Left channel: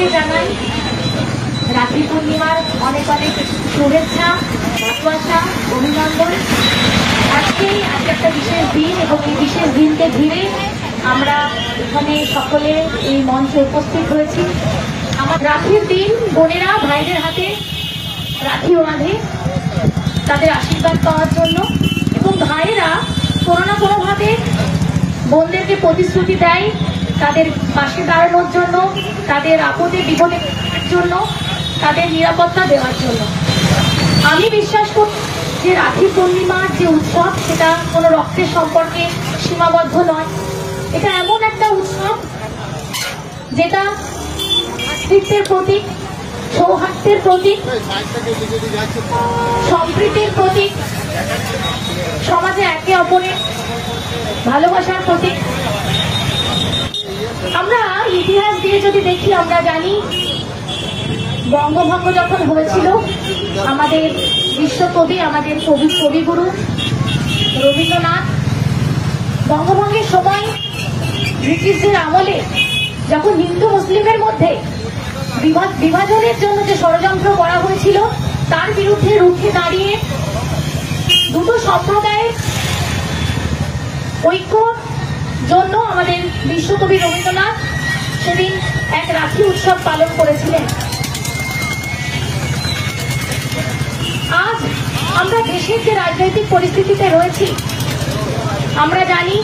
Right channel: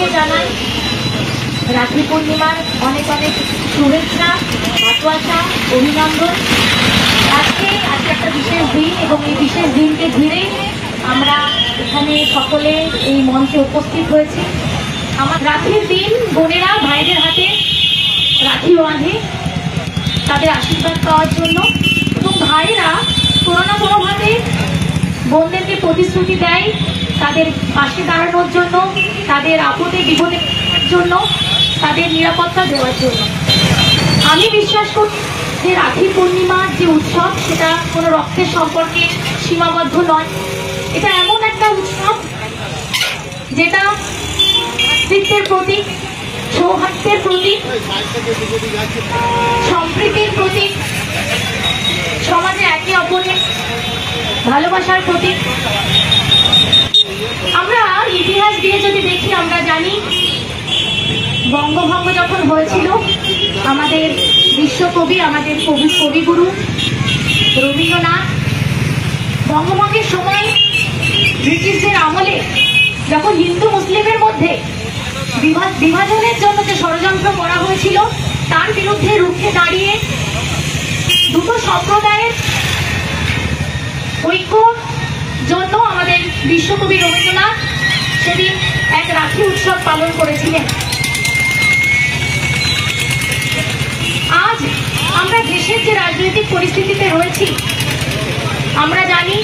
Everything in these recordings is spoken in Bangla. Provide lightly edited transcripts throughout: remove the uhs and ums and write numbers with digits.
সকলকে জানাই রাখি পূর্ণিমার অনেক অনেক শুভেচ্ছা, ভালোবাসা, অভিনন্দন। আজকে একটা বিশেষ দিন এবং এই বিশেষ দিনকে ঘিরে আমরা এখানে সকলে এই মঞ্চে উপস্থিত হয়েছি। আমার রাখির দিন বোনেরা ভাইদের হাতে রাখি বাঁধে তাদের আশীর্বাদ পাওয়ার জন্য, এবং ভাইয়েরা কোনো না কোনোভাবে বোনদেরকে প্রতিশ্রুতি দেয় তাদের পাশে দাঁড়ানোর জন্য, তাদের আপদে বিপদের জন্য, তাদের নিরাপত্তা দেওয়ার জন্য। আমি বিশ্বাস করি যে রাখি পূর্ণিমার যে উৎসব সেটা কোনো রক্তের সম্পর্কে সীমাবদ্ধ নয়। এটা এমন একটা উৎসব যেটা ভ্রাতৃত্বের প্রতীক, সৌহার্দ্যের প্রতীক, সম্প্রীতির প্রতীক, সমাজে একে অপরের ভালোবাসার প্রতীক। আমরা ইতিহাস দিয়ে যদি দেখি আমরা জানি বঙ্গভঙ্গ যখন হয়েছিল আমাদের বিশ্বকবি, আমাদের কবিগুরু রবীন্দ্রনাথ বঙ্গভঙ্গের সময় ব্রিটিশদের আমলে যখন হিন্দু মুসলিমের মধ্যে বিভাজনের জন্য যে ষড়যন্ত্র করা হয়েছিল তার বিরুদ্ধে রুখে দাঁড়িয়ে দুটো সম্প্রদায়ের ঐক্যর জন্য আমাদের বিশ্বকবি রবীন্দ্রনাথ সেদিন এক রাখি উৎসব পালন করেছিলেন। আজ আমরা দেশের যে রাজনৈতিক পরিস্থিতিতে রয়েছি আমরা জানি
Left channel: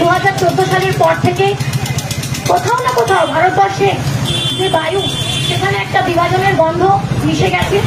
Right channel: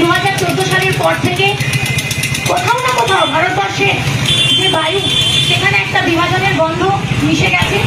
2014 সালের পর থেকে কোথাও না কোথাও ভারতবর্ষে যে বায়ু সেখানে একটা বিভাজনের গন্ধ মিশে গেছে।